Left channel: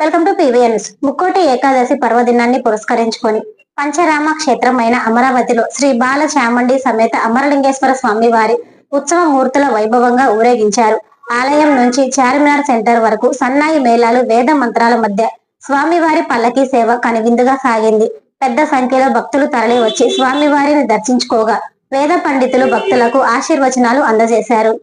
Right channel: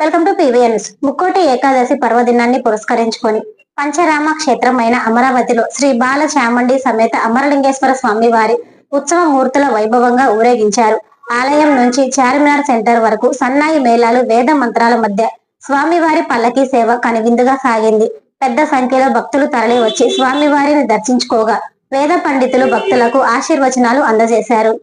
Welcome to PVN's. Mukkoti Ekadashi పర్వదినాన్ని పురస్కరించుకొని పంచరామ క్షేత్రమైన అమరావతిలో శ్రీ బాల చాముండి సమేత అమరలింగేశ్వర స్వామి వారి ఉత్సవ మూర్తుల వైభవంగా ఊరేగించారు. ఆలయం నుంచి చార్మినార్ సెంటర్ వరకు సన్నాయి మేళాలు, వేద మంత్రాల మధ్య స్వామివారి పల్లకి సేవ కనువిందుగా సాగింది. పెద్ద సంఖ్యలో భక్తులు తరలి వచ్చి స్వామివారిని దర్శించుకోగా వేద పండితులు భక్తులకు ఆశీర్వచనాలు అందజేశారు.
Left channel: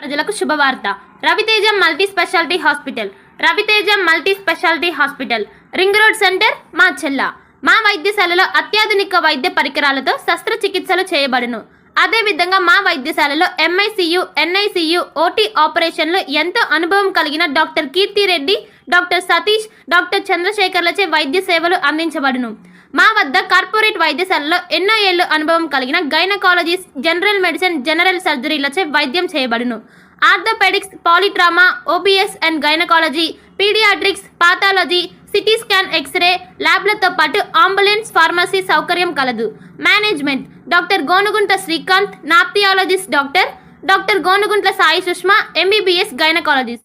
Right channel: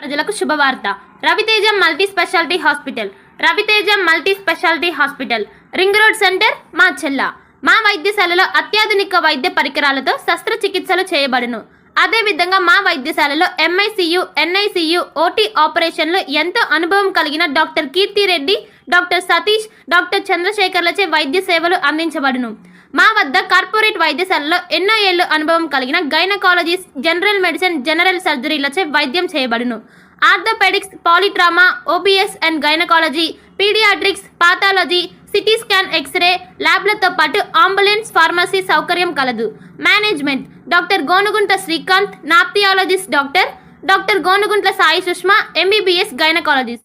ప్రజలకు శుభవార్త. Raviteja multi speciality hospital. Raviteja multi speciality hospital, ring road centre, Macherla. మా వైద్యశాలలో అత్యాధునిక వైద్య పరికరాలతో శస్త్రచికిత్సలు చేయబడును. అదేవిధంగా మా వైద్యశాలలో ఎంఐసియు, ఎన్ఐసియు, ఓటీ ఆపరేషన్లు ఎంతో అనుభవం కలిగిన doctor Keerthi Reddy, doctor Satish, doctor చంద్రశేఖర్లచే వైద్య సేవలు అందించబడును. మా వద్ద కార్పొరేట్ వైద్యశాలలో ఎన్నో ఏళ్లు అనుభవం కలిగిన గైనకాలజిస్ట్, జనరల్ మెడిసిన్, జనరల్ సర్జరీలచే వైద్యం చేయబడును. Orthopaedics, polytrauma, OBS and gynaecology, paediatrics, pathology, CT scan, x ray ల్యాబ్లతో పాటు అంబులెన్స్, ఫార్మసీ సౌకర్యం కలదు. Management doctor Gonugunta Srikanth, nephrologist doctor Gonuguntla Sai Sushma, MBBS gynaecologist.